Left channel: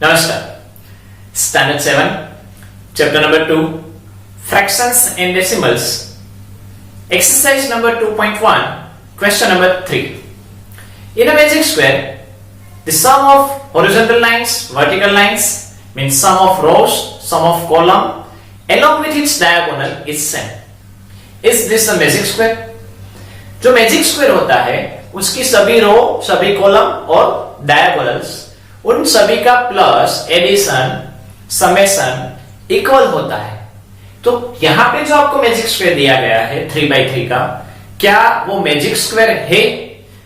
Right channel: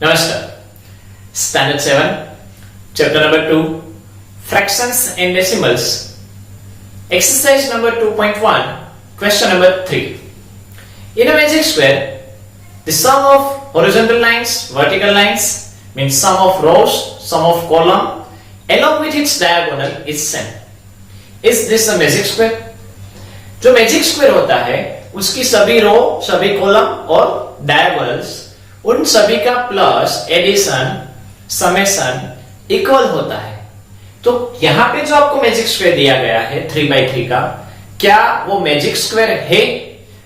नमस्कार। Standard 7 chapter number 2 fractions and decimals exercise number 2.1 question number 3 in a magic square the sum of horizontal lines vertical lines means sum of rows sum of column along with its diagonal is same is this a magic square। जो magic square होता है उसकी सभी रो सभी column और diagonals उन सभी का प्लस एडिशन समेशन इक्वल होता है। तो यहां पे जो आपको मैजिक स्क्वायर दिया गया है 3/3 का, क्या वो मैजिक स्क्वायर है?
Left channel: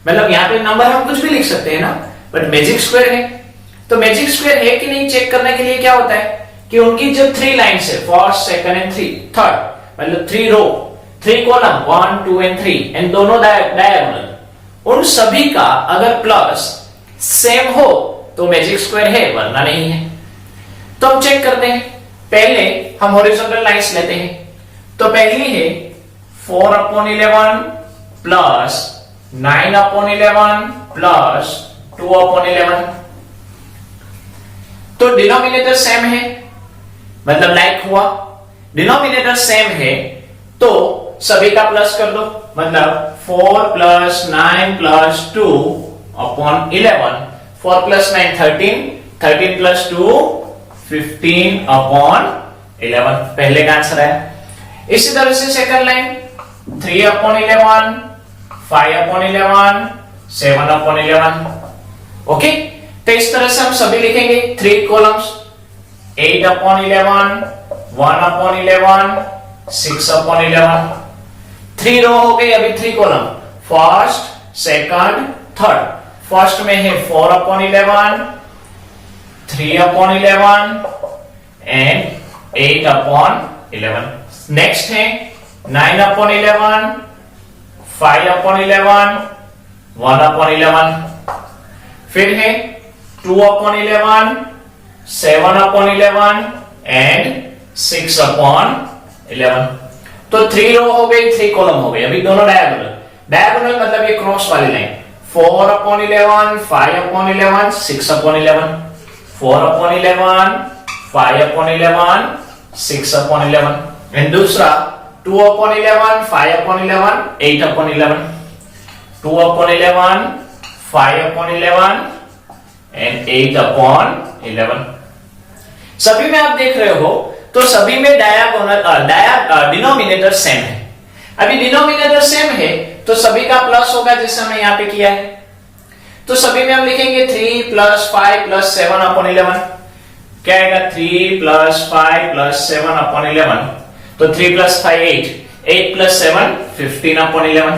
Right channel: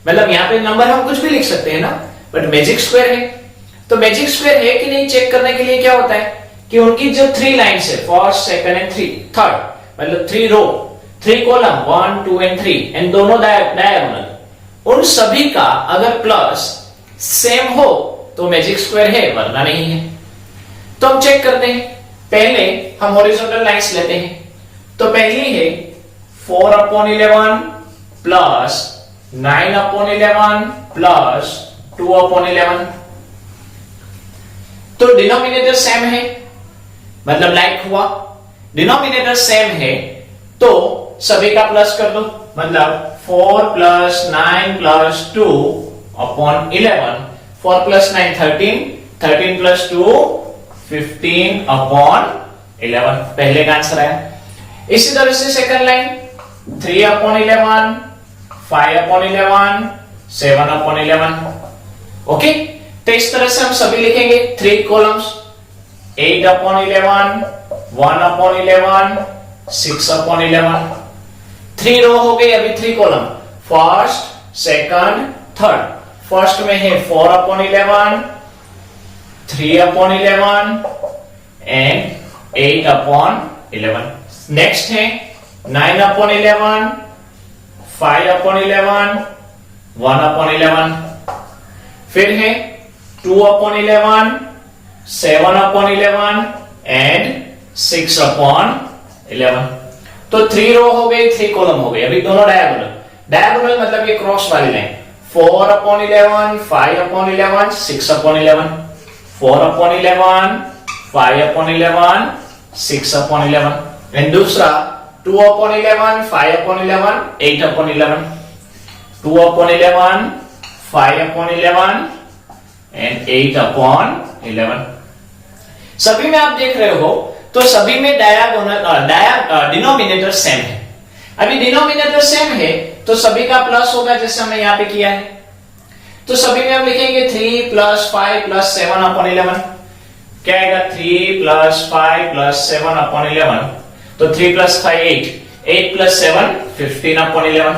मतलब यहां पे नंबर हम कुछ भी लिख सकते हैं ना, बट मैजिक स्क्वायर है। तो मैजिक स्क्वायर है कि नहीं चेक करने के लिए क्या होता है कि उनकी जो 3 लाइन्स है, फर्स्ट सेकंड एंड थर्ड, मतलब 3 रो 3 कॉलम 1 2 एंड 3 एंड दोनों डायगोनल, उन सभी का अगर प्लस सेम हो तो मैजिक स्क्वायर है, वरना नहीं है। तो हम चेक करते हैं। पहले हम हॉरिजॉन्टल लाइंस लेते हैं। तो पहली है 4/11 प्लस 9/11 प्लस 2/11। तो डिनोमिनेटर सेम है, मतलब लाइक हुआ। डिनोमिनेटर सेम है तो सभी का प्लस कर दो, मतलब 4 प्लस 9 प्लस 2/11, 4 plus 9 13, 13 plus 2 15/11, पहले का आंसर है। इसी तरह से सेकंड लाइन 3/11, 5/11, 7/11। ओके, तो इस तरह से हम सभी लिखेंगे 3 कॉलम्स 8/11, 1/11, 6/11। 3 रो हो गई, अभी 3 column first second third. First में है 4/11, 3/11 एंड 8/11। नेक्स्ट है 9/11, 5/11, 1/11। फिर है 2/11, 7/11 एंड 6/11। तो 3 रो हो गई 3 कॉलम हो गई, अभी दोनों डायगोनल। डायगोनल मतलब ये क्रॉस वाली लाइन 4/11, 5/11, 6/11, 4/11, 5/11, 6/11 एंड दूसरा 2/11, 5/11, 8/11, 2/11, 5/11 एंड 8/11। सभी में आप देख रहे हो तो सभी में डिनोमिनेटर सेम है। अभी डिनोमिनेटर सेम है तो सभी का प्लस होगा, जैसे हमने यहां पे किया है। तो सभी में हम लिखेंगे 3 प्लस 5 प्लस 7/11। क्या आएगा? 3 प्लस 5 प्लस 7/11। तो 3 प्लस 5 8, 8 प्लस 7 15/11।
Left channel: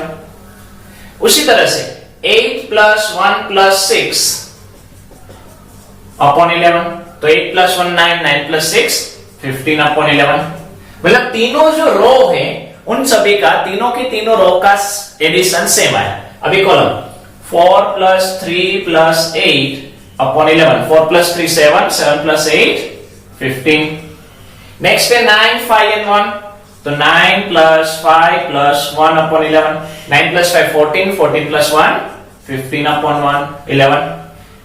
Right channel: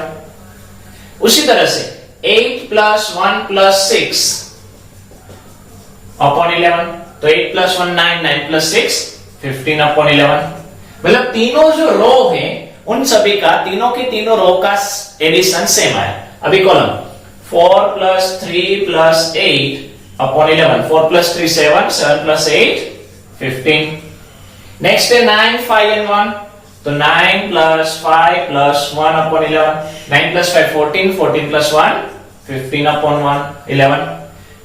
उसी तरह से 8 प्लस 1 प्लस 6/11। तो 8 प्लस 1 9, 9 प्लस 6 15/11। मतलब तीनों जो रो है उन सभी का, तीनों की तीनों रो का एडिशन सेम आया। अभी column 4 plus 3 plus 8/11, 4 plus 3 7, 7 plus 8 15। Next है 9 5 एंड 1। तो 9 plus 5 plus 1/11, 9 plus 5 14, 14 plus 1 15/11।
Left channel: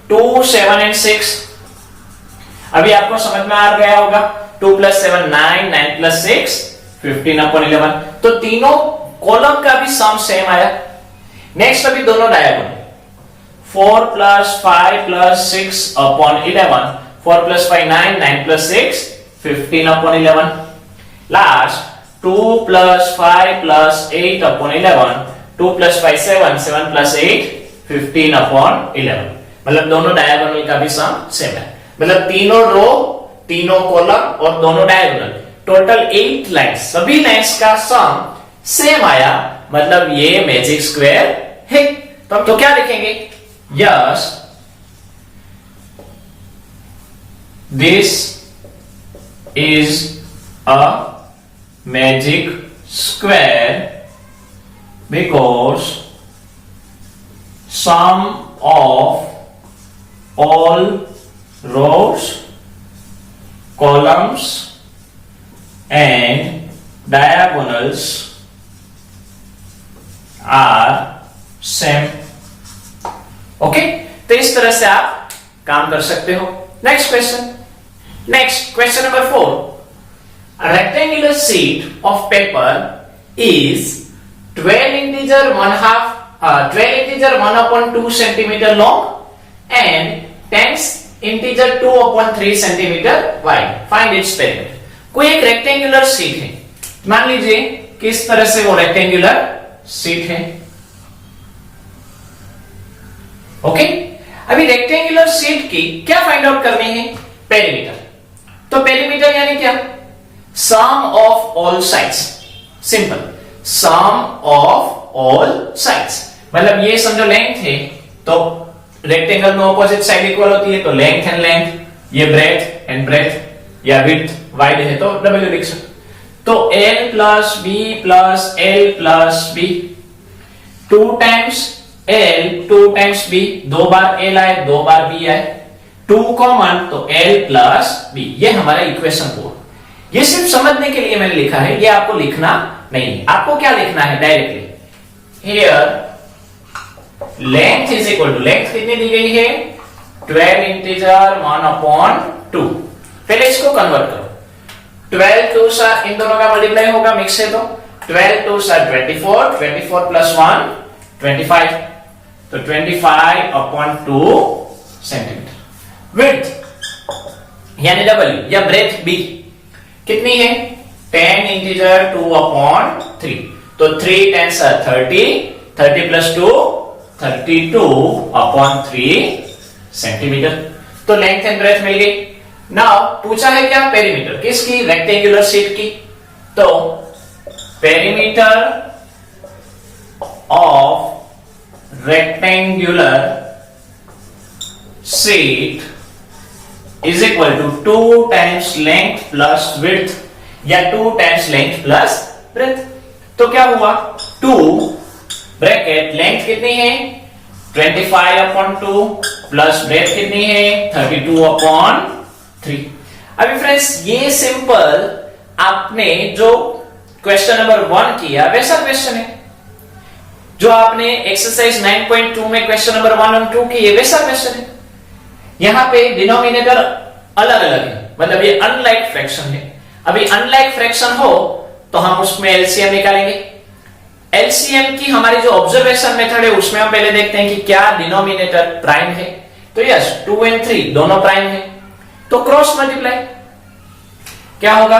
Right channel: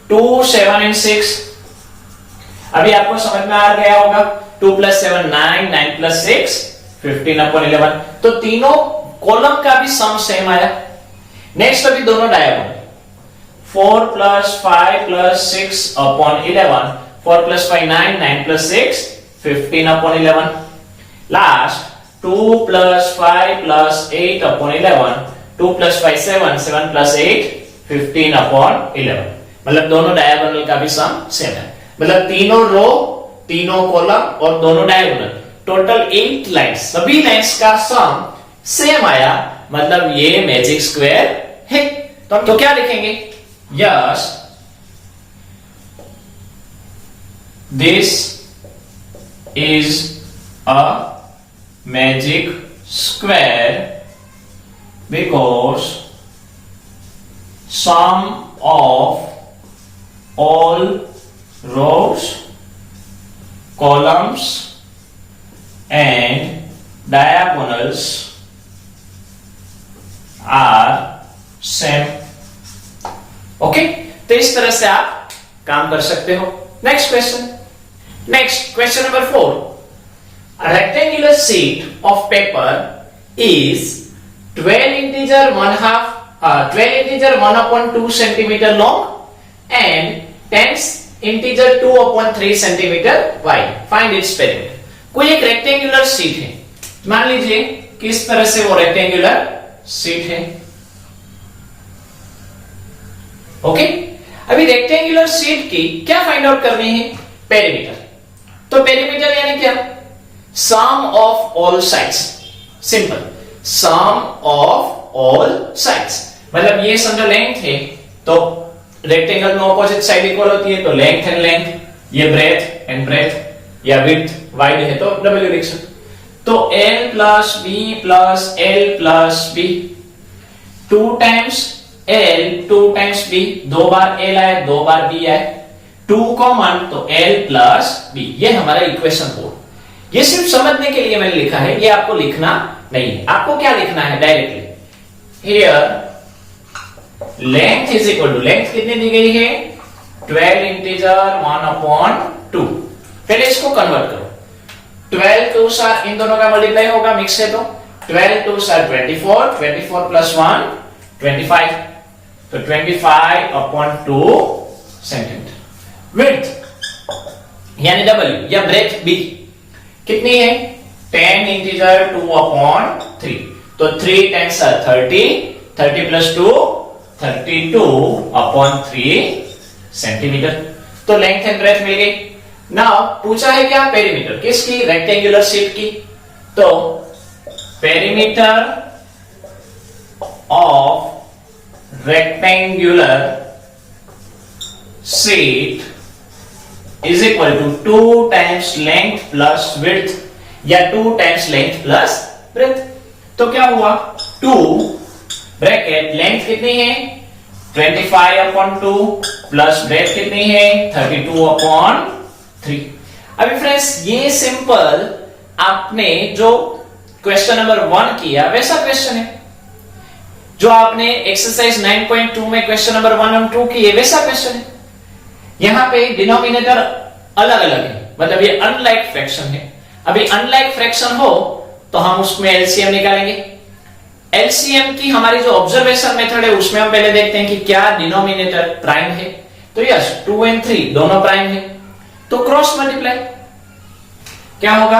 2 7 and 6। अभी आपको समझ में आ गया होगा। 2 प्लस 7 9, 9 प्लस 6 15/11। तो तीनों कॉलम का भी सम सेम आया। नेक्स्ट अभी दोनों diagonal 4 plus 5 plus 6/11, 4 plus 5 9, 9 plus 6 15/11। Last 2 plus 5 plus 8/11, 2 plus 5 7, 7 plus 8 15/11। मतलब दोनों डायगोनल का भी सम सेम है। मतलब तीनों रो तीनों कॉलम और दोनों डायगोनल, टोटल 8 लाइन्स, सभी लाइन्स का सम सेम आया, मतलब ये मैजिक स्क्वायर है। तो क्या लिखेंगे? Yes this is a magic square because sum of all rows columns and diagonals are same। Okay, तो इस तरह से आप काम कर सकते हो। Next question number 4. A rectangular sheet of paper is 12 integer 1/2 centimeter long and 10 integer 2/3 centimeter wide. Find its perimeter. कोई एक रेक्टेंगुलर शीट है, मान लीजिए किस तरह से वो रेक्टेंगुलर शीट है. ओके, अभी रेक्टेंगुलर शीट की क्या फाइंड आउट करनी है? पेरीमीटर. तो पेरीमीटर यानी क्या? Sum of all sides. Simple, sum of all sides. मतलब ये समझो लेंथ है, तो रेक्टेंगल में ऑपोजिट साइड इक्वल होती है, तो लेंथ एंड लेंथ, ये ब्रेथ एंड ब्रेथ, या विड्थ वाइड है तो डब्ल्यू लिख सकते. तो L plus B plus L plus B, 2 times L 2 times B, 2 बार L आए 2 बार B आए, 2 कॉमन, तो L प्लस B. ये हमारा इक्वेशन 4. ये सिर्फ समझने के लिए मैंने लिखा है, ये आपको लिखना नहीं है. आपको क्या लिखना है? Directly here length is equal to, length कितनी दी गई है? 12 इंटीजर 1/2. पहले इसको कन्वर्ट करो. 12 2 सा इन दोनों का मल्टीप्लाई होगा, मिक्स है तो 12 2 सा 24, 24 प्लस 1 25, तो 25/2 सेंटीमीटर. विड्थ यानी W या ब्रेथ B कितनी है? 10 इंटीजर 2/3, तो 3 10 30, 30 प्लस 2 32/3 सेंटीमीटर. तो लेंथ एंड ब्रेथ मिल गई. नाउ पूछा है क्या? पेरीमीटर. किसकी? रेक्टेंगुलर शीट की. तो perimeter of rectangular sheet is equal to 2 times length plus width, या 2 टाइम्स लेंथ प्लस ब्रेथ. तो क्या हुआ? 2 ब्रैकेट लेंथ कितनी है? 25/2 प्लस ब्रेथ कितनी है? 32/3. अभी फ्रेंड्स ये सिंपल आपने जो क्वेश्चन नंबर 1 किया वैसा क्वेश्चन है. जो आपने एक्सरसाइज 9.2 में क्वेश्चन नंबर 1 और 2 किए वैसा क्वेश्चन है. यहां पे डिनोमिनेटर अलग अलग है, मतलब ये अनलाइक फ्रैक्शन है. अभी अनलाइक फ्रैक्शन हो तो हम उसमें एलसीएम निकालेंगे. एलसीएम की हमारी जो ऑब्जर्वेशन मेथड है उसमें हम पहले देखते हैं कि क्या डिनोमिनेटर प्राइम है. तो यस 2 और 3 दोनों प्राइम है, तो क्रॉस मल्टीप्लाई क्या होगा?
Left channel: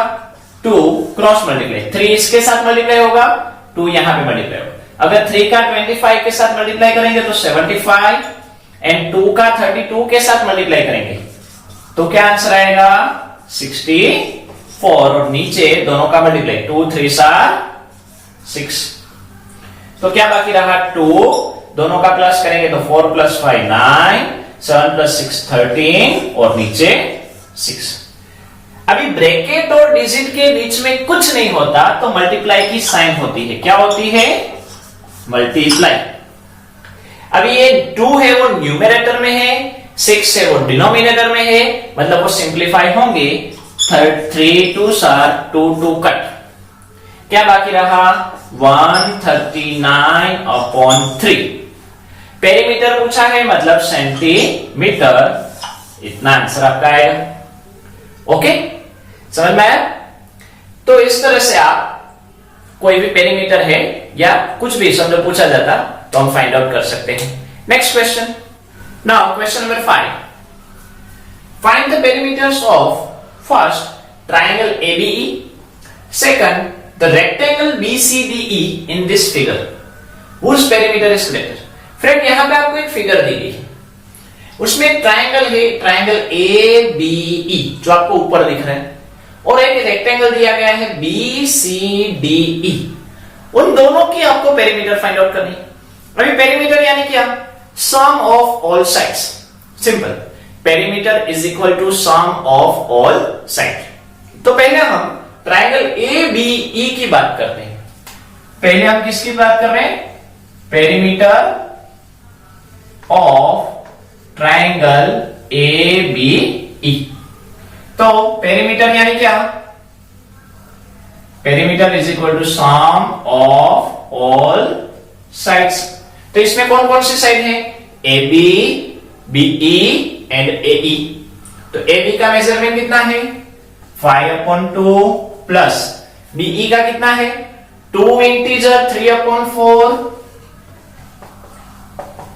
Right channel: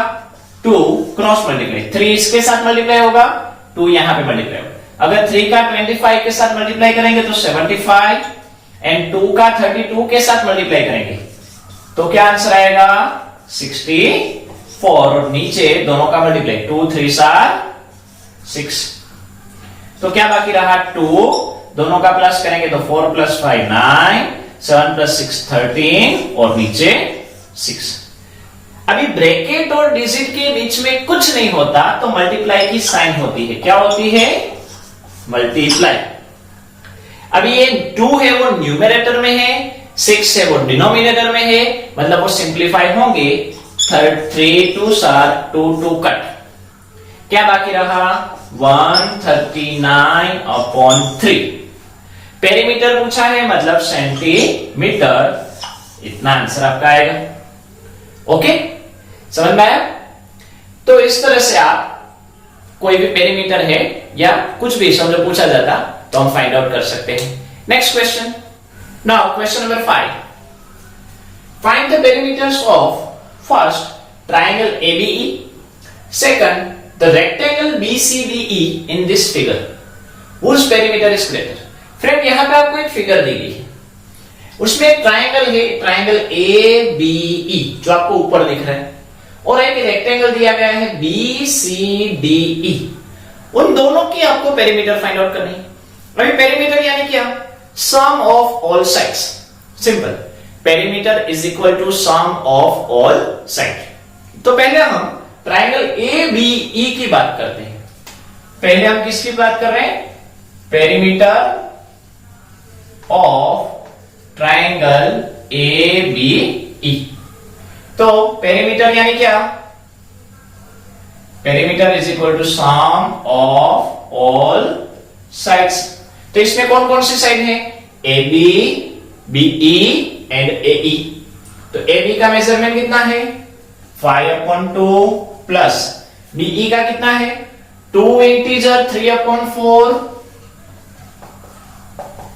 2 क्रॉस मल्टीप्लाई 3 इसके साथ मल्टीप्लाई होगा, 2 यहां पे मल्टीप्लाई होगा. अगर 3 का 25 के साथ मल्टीप्लाई करेंगे तो 75, एंड 2 का 32 के साथ मल्टीप्लाई करेंगे तो क्या आंसर आएगा? 64. और नीचे दोनों का मल्टीप्लाई 2 3 6, तो क्या बाकी रहा? 2. दोनों का प्लस करेंगे तो 4 + 5 9, 7 + 6 13, और नीचे 6. अभी ब्रैकेट और डिजिट के बीच में कुछ नहीं होता तो मल्टीप्लाई की साइन होती है. क्या होती है? मल्टीप्लाई. अभी ये 2 है वो न्यूमरेटर में है, 6 है वो डिनोमिनेटर में है, मतलब वो सिंप्लीफाई होंगे. 3 2 2 2 कट. क्या बाकी रहा? 139/3. पेरीमीटर पूछा है मतलब सेंटीमीटर. इतना आंसर आपका आएगा. ओके, समझ में आया? तो इस तरह से आप कोई भी पेरीमीटर है या कुछ भी समझो पूछा जाता तो हम फाइंड आउट कर सकते हैं. Next question. Now question number 5. Find the perimeters of first triangle ABE, second the rectangle BCDE in this figure. Which perimeter is greater? Friend यहां पे आपको एक फिगर दी गई है, उसमें ट्रायंगल है, ट्रायंगल ABE जो आपको ऊपर दिख रहा है, और एक रेक्टेंगल दिया गया है BCDE. उन दोनों की आपको पेरीमीटर फाइंड आउट करनी है. अभी पेरीमीटर यानी क्या? Sum of all sides. Simple, perimeter is equal to sum of all side. तो पहले हम ट्रायंगल ABE की बात करते हैं. पहले हम किसकी बात कर रहे हैं? Perimeter of triangle ABE. तो पेरीमीटर यानी क्या? Perimeter is equal to sum of all sides. तो इसमें कौन कौन सी साइड है? AB, BE and AE. तो तो AB का मेजरमेंट कितना है 5/2 प्लस BE का कितना है 2 इंटीजर 3/4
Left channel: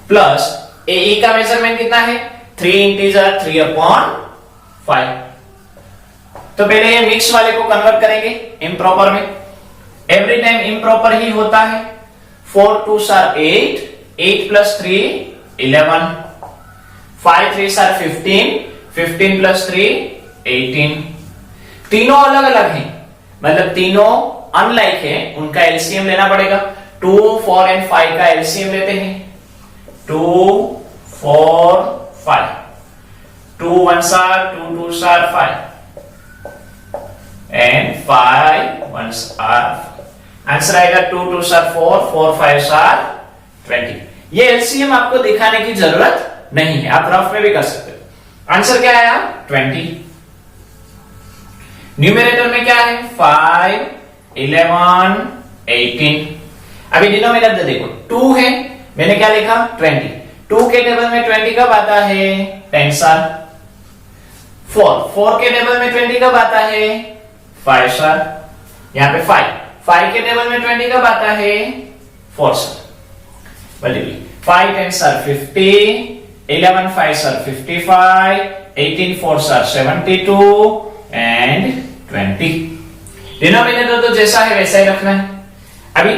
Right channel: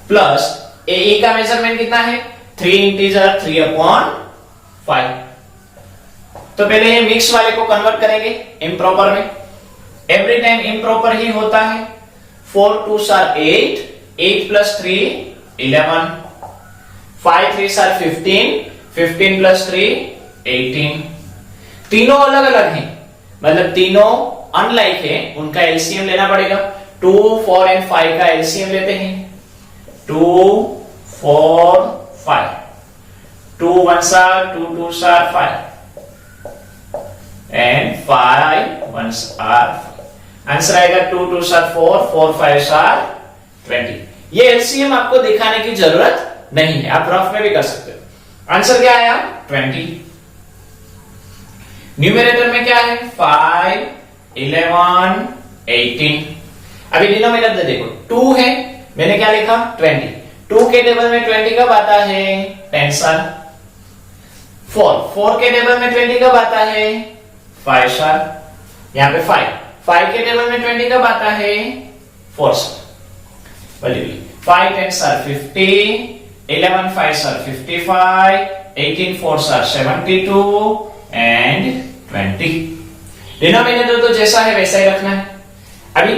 प्लस AE का मेजरमेंट कितना है 3 इंटीजर 3/5। तो पहले ये मिक्स वाले को कन्वर्ट करेंगे इम्प्रॉपर में। एवरी टाइम इम्प्रॉपर ही होता है। 4 2s are 8, 8 plus 3 11, 5 3s are 15, 15 plus 3 18। तीनों अलग अलग हैं, मतलब तीनों अनलाइक हैं, उनका एलसीएम लेना पड़ेगा। 2 4 एंड 5 का एलसीएम लेते हैं। 2 4 5, 2 1s are 2 2s are 5 and 5 1s are 5। Answer आएगा 2 2s are 4, 4 5s are 20। ये एलसीएम आपको दिखाने की जरूरत नहीं है, आप रफ में भी कर सकते हो। आंसर क्या आया 20। न्यूमरेटर में क्या है 5 11 18। अभी डिनोमिनेटर देखो 2 है, मैंने क्या लिखा 20। 2 के टेबल में 20 कब आता है 10 साल। 4 के टेबल में 20 कब आता है 5 साल। यहां पे 5 के टेबल में 20 कब आता है 4 साल। 5 10s are 50, 11 5s are 55, 18 4s are 72 and 20। Denominator तो जैसा है वैसा ही रखना है। अभी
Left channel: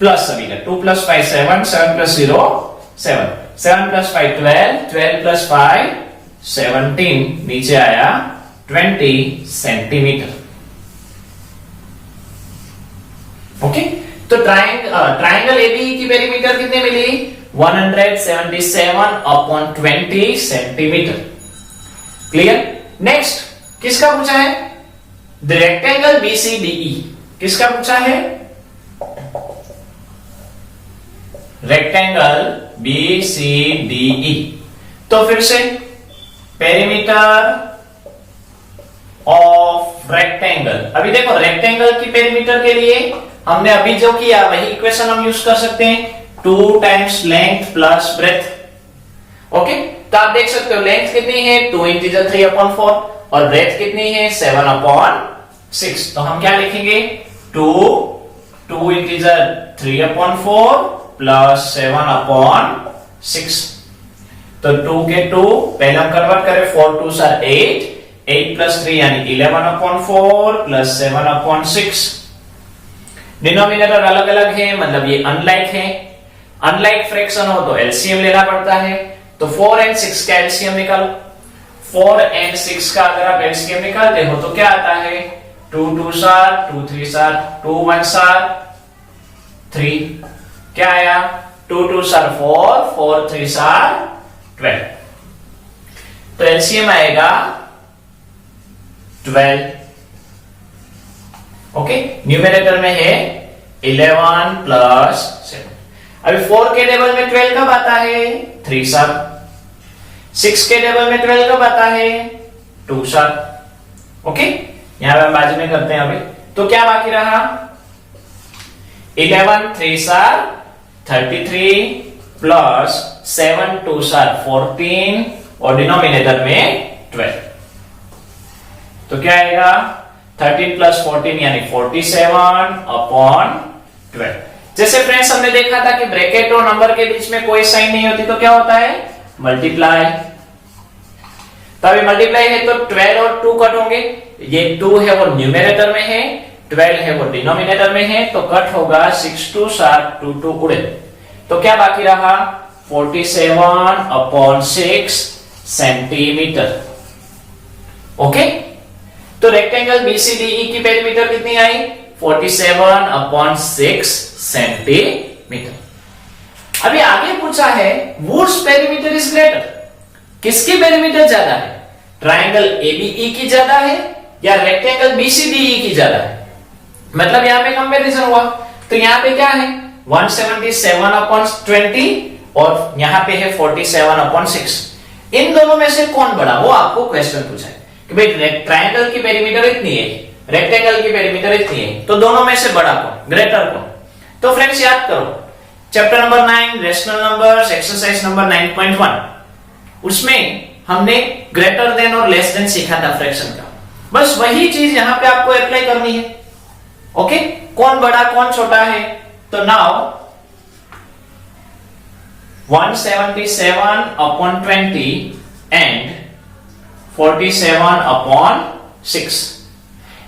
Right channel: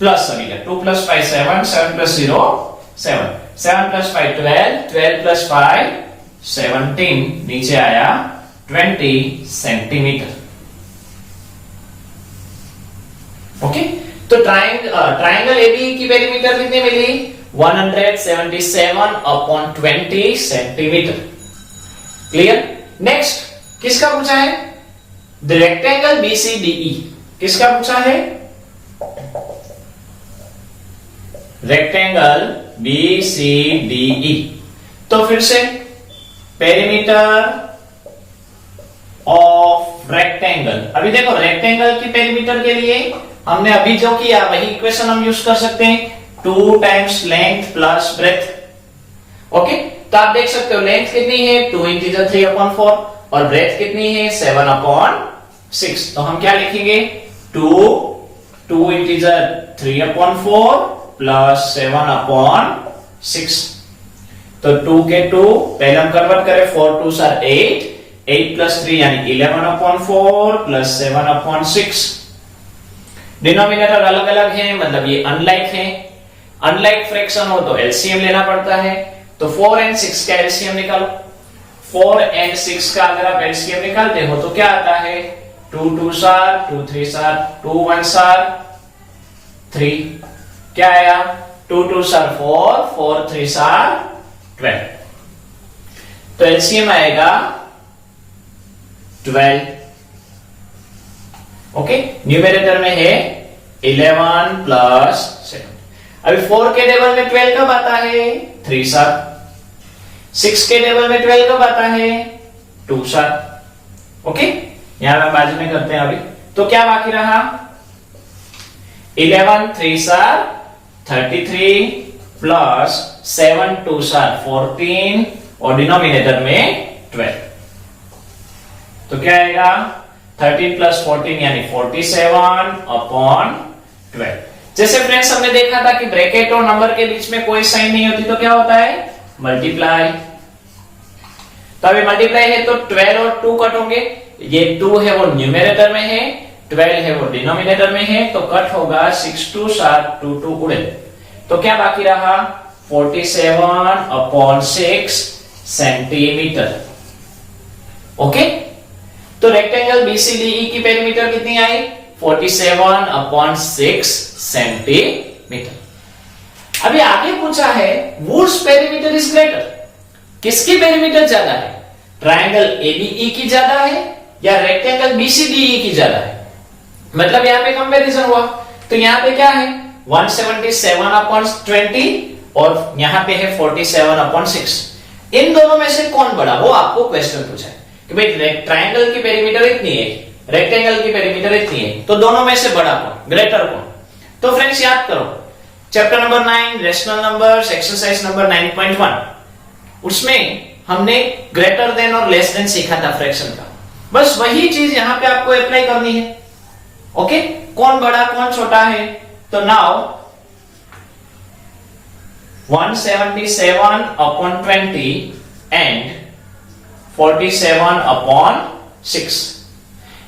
प्लस अभी 2 plus 5 7, 7 plus 0 7, 7 plus 5 12, 12 plus 5 17, नीचे आया 20 सेंटीमीटर। ओके, तो ट्राइंगल एबी की पेरीमीटर कितने मिली 177/20 सेंटीमीटर। क्लियर। नेक्स्ट किसका पूछा है द रेक्टेंगल BCDE। किसका पूछा है रेक्टेंगल BCDE। तो फिर से पेरीमीटर ऑफ रेक्टेंगल। अभी देखो रेक्टेंगल की पेरीमीटर के लिए हमने अभी जो किया वही इक्वेशन हम यूज कर सकते हैं 2 times length plus breadth. Okay, तो आप देख सकते हो लेंथ कितनी है 2 इंटीजर 3/4 और ब्रेथ कितनी है 7/6। तो हम क्या लिखेंगे 2 इंटीजर 3/4 प्लस 7/6। तो 2 के 2 पहले हम कन्वर्ट करें 4 2s are 8, 8 plus 3 यानी 11/4 प्लस 7/6। डिनोमिनेटर अलग अलग है, मतलब ये अनलाइक है। अनलाइक फ्रैक्शन हो तो एलसीएम लेना पड़ता है। तो 4 and 6 का एलसीएम निकालो। 4 and 6 का अगर आप एलसीएम निकालते हो तो क्या आता है 2 2s are 2 3s are 2 1s are 3। क्या आया 2 2s are 4, 4 3s are 12। तो एलसीएम आएगा 12। ओके, न्यूमरेटर में है 11 प्लस 7। अभी 4 के टेबल में 12 कब आता है 3 साल। 6 के टेबल में 12 कब आता है 2 साल। ओके, यहां पर बाजू में करते हैं अभी। तो क्या बाकी रहा 11 3s are 33 plus 7 2s are 14 और डिनोमिनेटर में 12। तो क्या आएगा 13 प्लस 14 यानी 47/12। जैसे फ्रेंड्स हमने देखा था कि ब्रैकेट और नंबर के बीच में कोई साइन नहीं होती तो क्या होता है मल्टीप्लाई। तो अभी मल्टीप्लाई है तो 12 और 2 कट होंगे। ये 2 है वो न्यूमरेटर में है, 12 है वो डिनोमिनेटर में है, तो कट होगा 6 2s are 2 2 उड़े। तो क्या बाकी रहा 47/6 सेंटीमीटर। ओके, तो रेक्टेंगल BCDE की पेरीमीटर कितनी आई 47/6 सेंटीमीटर। अभी आगे पूछा है whose पेरीमीटर इज ग्रेटर। किसकी पेरीमीटर ज्यादा है ट्राइंगल ABE की ज्यादा है या रेक्टेंगल BCDE की ज्यादा है। मतलब यहां पे कंपैरिजन हुआ तो यहां पे क्या है 177/20 और यहां पे है 47/6। इन दोनों में से कौन बड़ा, वो आपको क्वेश्चन पूछा है कि भाई ट्राइंगल की पेरीमीटर इतनी है, रेक्टेंगल की पेरीमीटर इतनी है, तो दोनों में से बड़ा कौन, ग्रेटर कौन। तो फ्रेंड्स याद करो chapter number 9 rational numbers exercise number 9.1, उसमें हमने ग्रेटर देन और लेस देन सीखा था फ्रैक्शन का, बस वही चीज यहां पे आपको अप्लाई करनी है। ओके, कौन बड़ा कौन छोटा है, तो नाउ 177 upon 20 and 47 upon 6,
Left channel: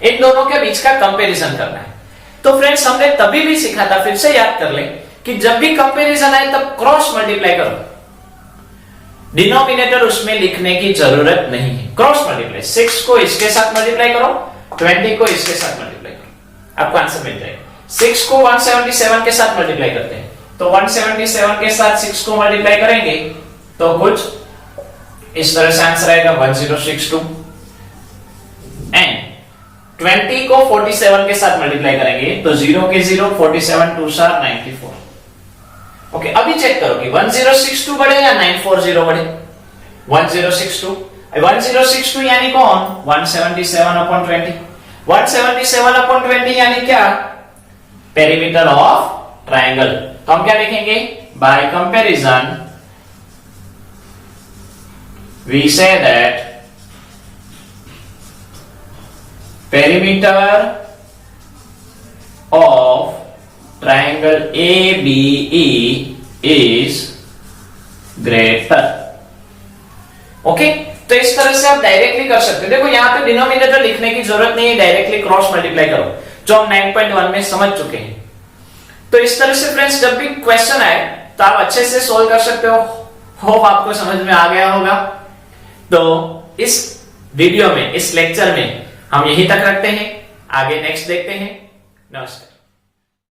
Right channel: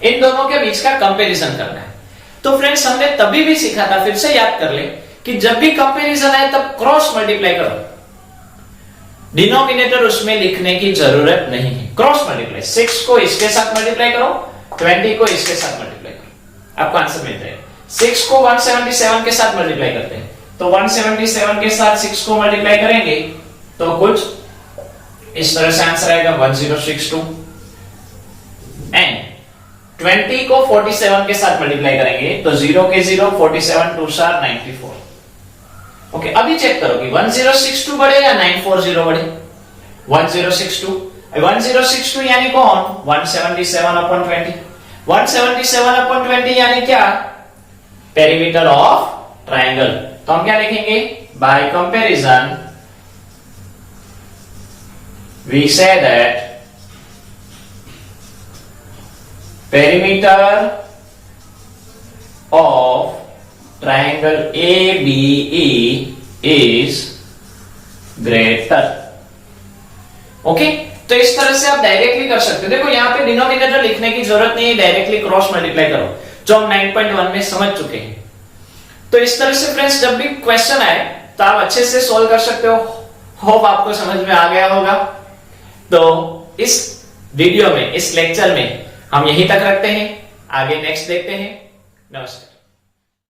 इन दोनों के बीच का कंपैरिजन करना है। तो फ्रेंड्स हमने तभी भी सीखा था, फिर से याद कर ले कि जब भी कंपैरिजन आए तब क्रॉस मल्टीप्लाई करो, डिनोमिनेटर उसमें लिखने की जरूरत नहीं है, क्रॉस मल्टीप्लाई। 6 को इसके साथ मल्टीप्लाई करो, 20 को इसके साथ मल्टीप्लाई करो, आपको आंसर मिल जाएगा। 6 को 177 के साथ मल्टीप्लाई करते हैं, तो 177 के साथ 6 को मल्टीप्लाई करेंगे तो कुछ इस तरह से आंसर आएगा 1062, एंड 20 को 47 के साथ मल्टीप्लाई करेंगे तो 0 के 0, 47 2 4 94। ओके, अभी चेक करो कि 1062 बढ़े या 940 बढ़े। 1062 यानी कौन, 177 अपॉन 20। 177 अपॉन 20 यानी क्या, पेरीमीटर ऑफ ट्राइंगल। तो हम क्या लिखेंगे, by comparison we say that perimeter of triangle ABE is greater। Okay, तो इस तरह से आप डायरेक्टली कर सकते हो। देखो यहां पे डिनोमिनेटर लिखने की जरूरत नहीं है, डायरेक्टली क्रॉस मल्टीप्लाई करो, जो हम 9.1 में समझ चुके हैं। तो इस तरह से फ्रेंड्स जब भी क्वेश्चन आए तो आप अच्छे से सोल्व कर सकते हो। होप आपको समझ में आ गया होगा। तो इस वीडियो में, इस लेक्चर में हम यहीं तक रखते हैं, आगे नेक्स्ट देखते हैं। नमस्कार।